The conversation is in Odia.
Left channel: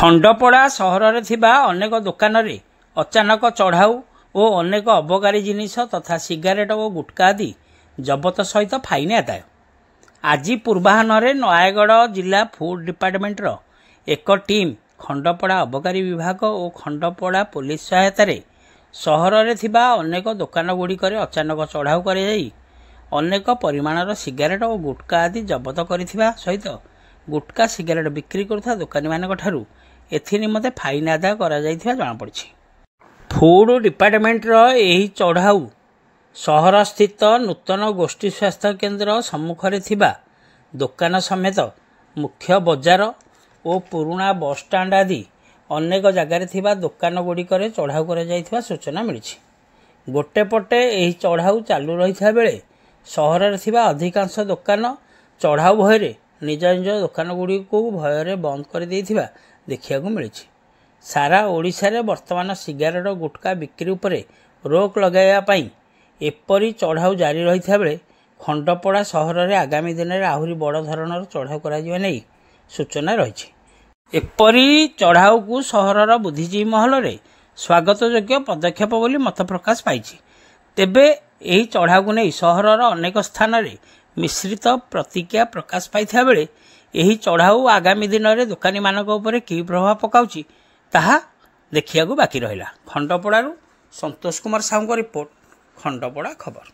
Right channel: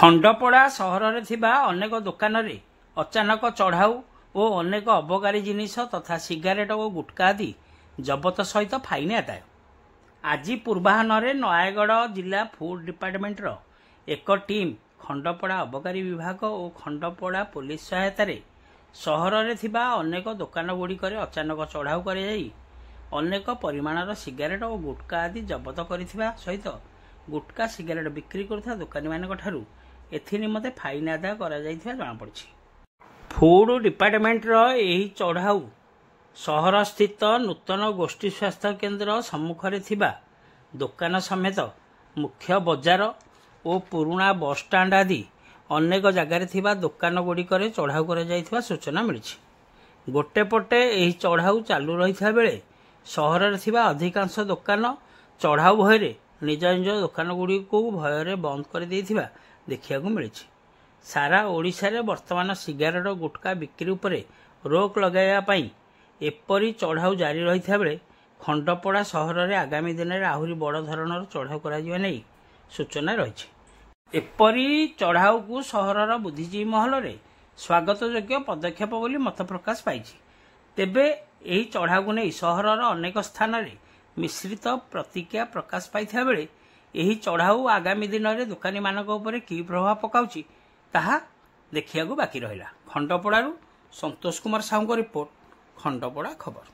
ଖଣ୍ଡପଡ଼ା ସହରରେ ଥିବା ଅନେକ ଦୋକାନରେ ଅଚାନକ ଚଢ଼ାଉ ଓ ଅନେକ ଅବକାରୀ ଜିନିଷ ତଥା ସିଗାରେଟ ଓ ଗୁଟ୍କା ଆଦି ଜବତ ସହିତ ଫାଇନ୍ ଆଦାୟ। ଆଜି ପୂର୍ବାହ୍ନରେ ନୟାଗଡ଼ ଜିଲ୍ଲା ଫୁଡ୍ ଡିପାର୍ଟମେଣ୍ଟର ଏକ ଟିମ୍ ଖଣ୍ଡପଡ଼ା ଅବକାରୀ ବିଭାଗ ଓ ଖଣ୍ଡପଡ଼ା ପୋଲିସ ସହାୟତାରେ ସହରରେ ଥିବା ଅନେକ ଦୋକାନଗୁଡ଼ିକରେ ଅଚାନକ ଚଢ଼ାଉ କରାଯାଇ ଅନେକ ପରିମାଣର ସିଗାରେଟ ଓ ଗୁଟ୍କା ଆଦି ଜବତ କରିଥିବା ସହିତ ଗୁଟ୍କା ସିଗାରେଟ ବିକ୍ରି କରୁଥିବା ଦୋକାନୀମାନଙ୍କଠାରୁ ଏଥିନିମନ୍ତେ ଫାଇନ୍ ଆଦାୟ କରାଯାଇଥିବା ଜଣାପଡ଼ିଛି। ଫୁଡ୍ ଡିପାର୍ଟମେଣ୍ଟର ଏହି ଚଢ଼ାଉ ସହରସ୍ଥିତ ନୂତନ ଗୋଷ୍ଠୀ ସ୍ୱାସ୍ଥ୍ୟ କେନ୍ଦ୍ର ସମ୍ମୁଖରେ ଥିବା ଦୋକାନ ସମେତ ମୁଖ୍ୟ ବଜାର ଓ ପୁରୁଣା ବସ୍ଷ୍ଟାଣ୍ଡ ଆଦି ଅନେକ ଜାଗାରେ ଥିବା ଦୋକାନଗୁଡ଼ିକରେ ଚଢ଼ାଉ କରାଯାଇଥିବା ସୂଚନା ମିଳିଛି। ଗୋଟେ ପଟେ ଏହି ଚଢ଼ାଉ ଚାଲୁ ରହିଥିବା ବେଳେ ସହରରେ ଥିବା ଅଧିକାଂଶ ଦୋକାନ ଚଢ଼ାଉ ଭୟରେ ନିଜ ନିଜ ଦୋକାନଗୁଡ଼ିକୁ ଭୟରେ ବନ୍ଦ କରିଦେଇଥିବା ଦେଖିବାକୁ ମିଳିଛି। ସାରା ଓଡ଼ିଶାରେ ବର୍ତ୍ତମାନ ସିଗାରେଟ ଗୁଟ୍କା ବିକ୍ରି ଉପରେ ରୋକ ଲଗାଇବା ପାଇଁ ଏପରି ଚଢ଼ାଉ ଜାରି ରହିଥିବା ବେଳେ ଖଣ୍ଡପଡ଼ା ସହରରେ ଆଗାମୀ ଦିନରେ ଆହୁରି ବଡ଼ ଧରଣର ଚଢ଼ାଉ କରାଯିବା ନେଇ ସୂଚନା ରହିଛି। ଏପରି ଚଢ଼ାଉକୁ ସହରର ବୁଦ୍ଧିଜୀବୀ ମହଲରେ ସ୍ୱାଗତଯୋଗ୍ୟ ପଦକ୍ଷେପ ବୋଲି ମତ ପ୍ରକାଶ ପାଇଛି। ତେବେ ଏହି ଚଢ଼ାଉକୁ ନେଇ ସହରର ଅନେକ ସ୍ଥାନରେ ମିଶ୍ରିତ ପ୍ରତିକ୍ରିୟା ପ୍ରକାଶ ପାଇଥିବା ବେଳେ ଏହି ଚଢ଼ାଉ ଆଗାମୀ ଦିନରେ ଦୋକାନୀମାନଙ୍କ ଉପରେ କି ପ୍ରଭାବ ପକାଉଛି ତାହା ଦେଖିବାକୁ ବାକି ରହିଲା। ଖଣ୍ଡପଡ଼ାରୁ ସନ୍ତୋଷ କୁମାର ସାହୁଙ୍କ ରିପୋର୍ଟ, ଖଣ୍ଡପଡ଼ା ଖବର।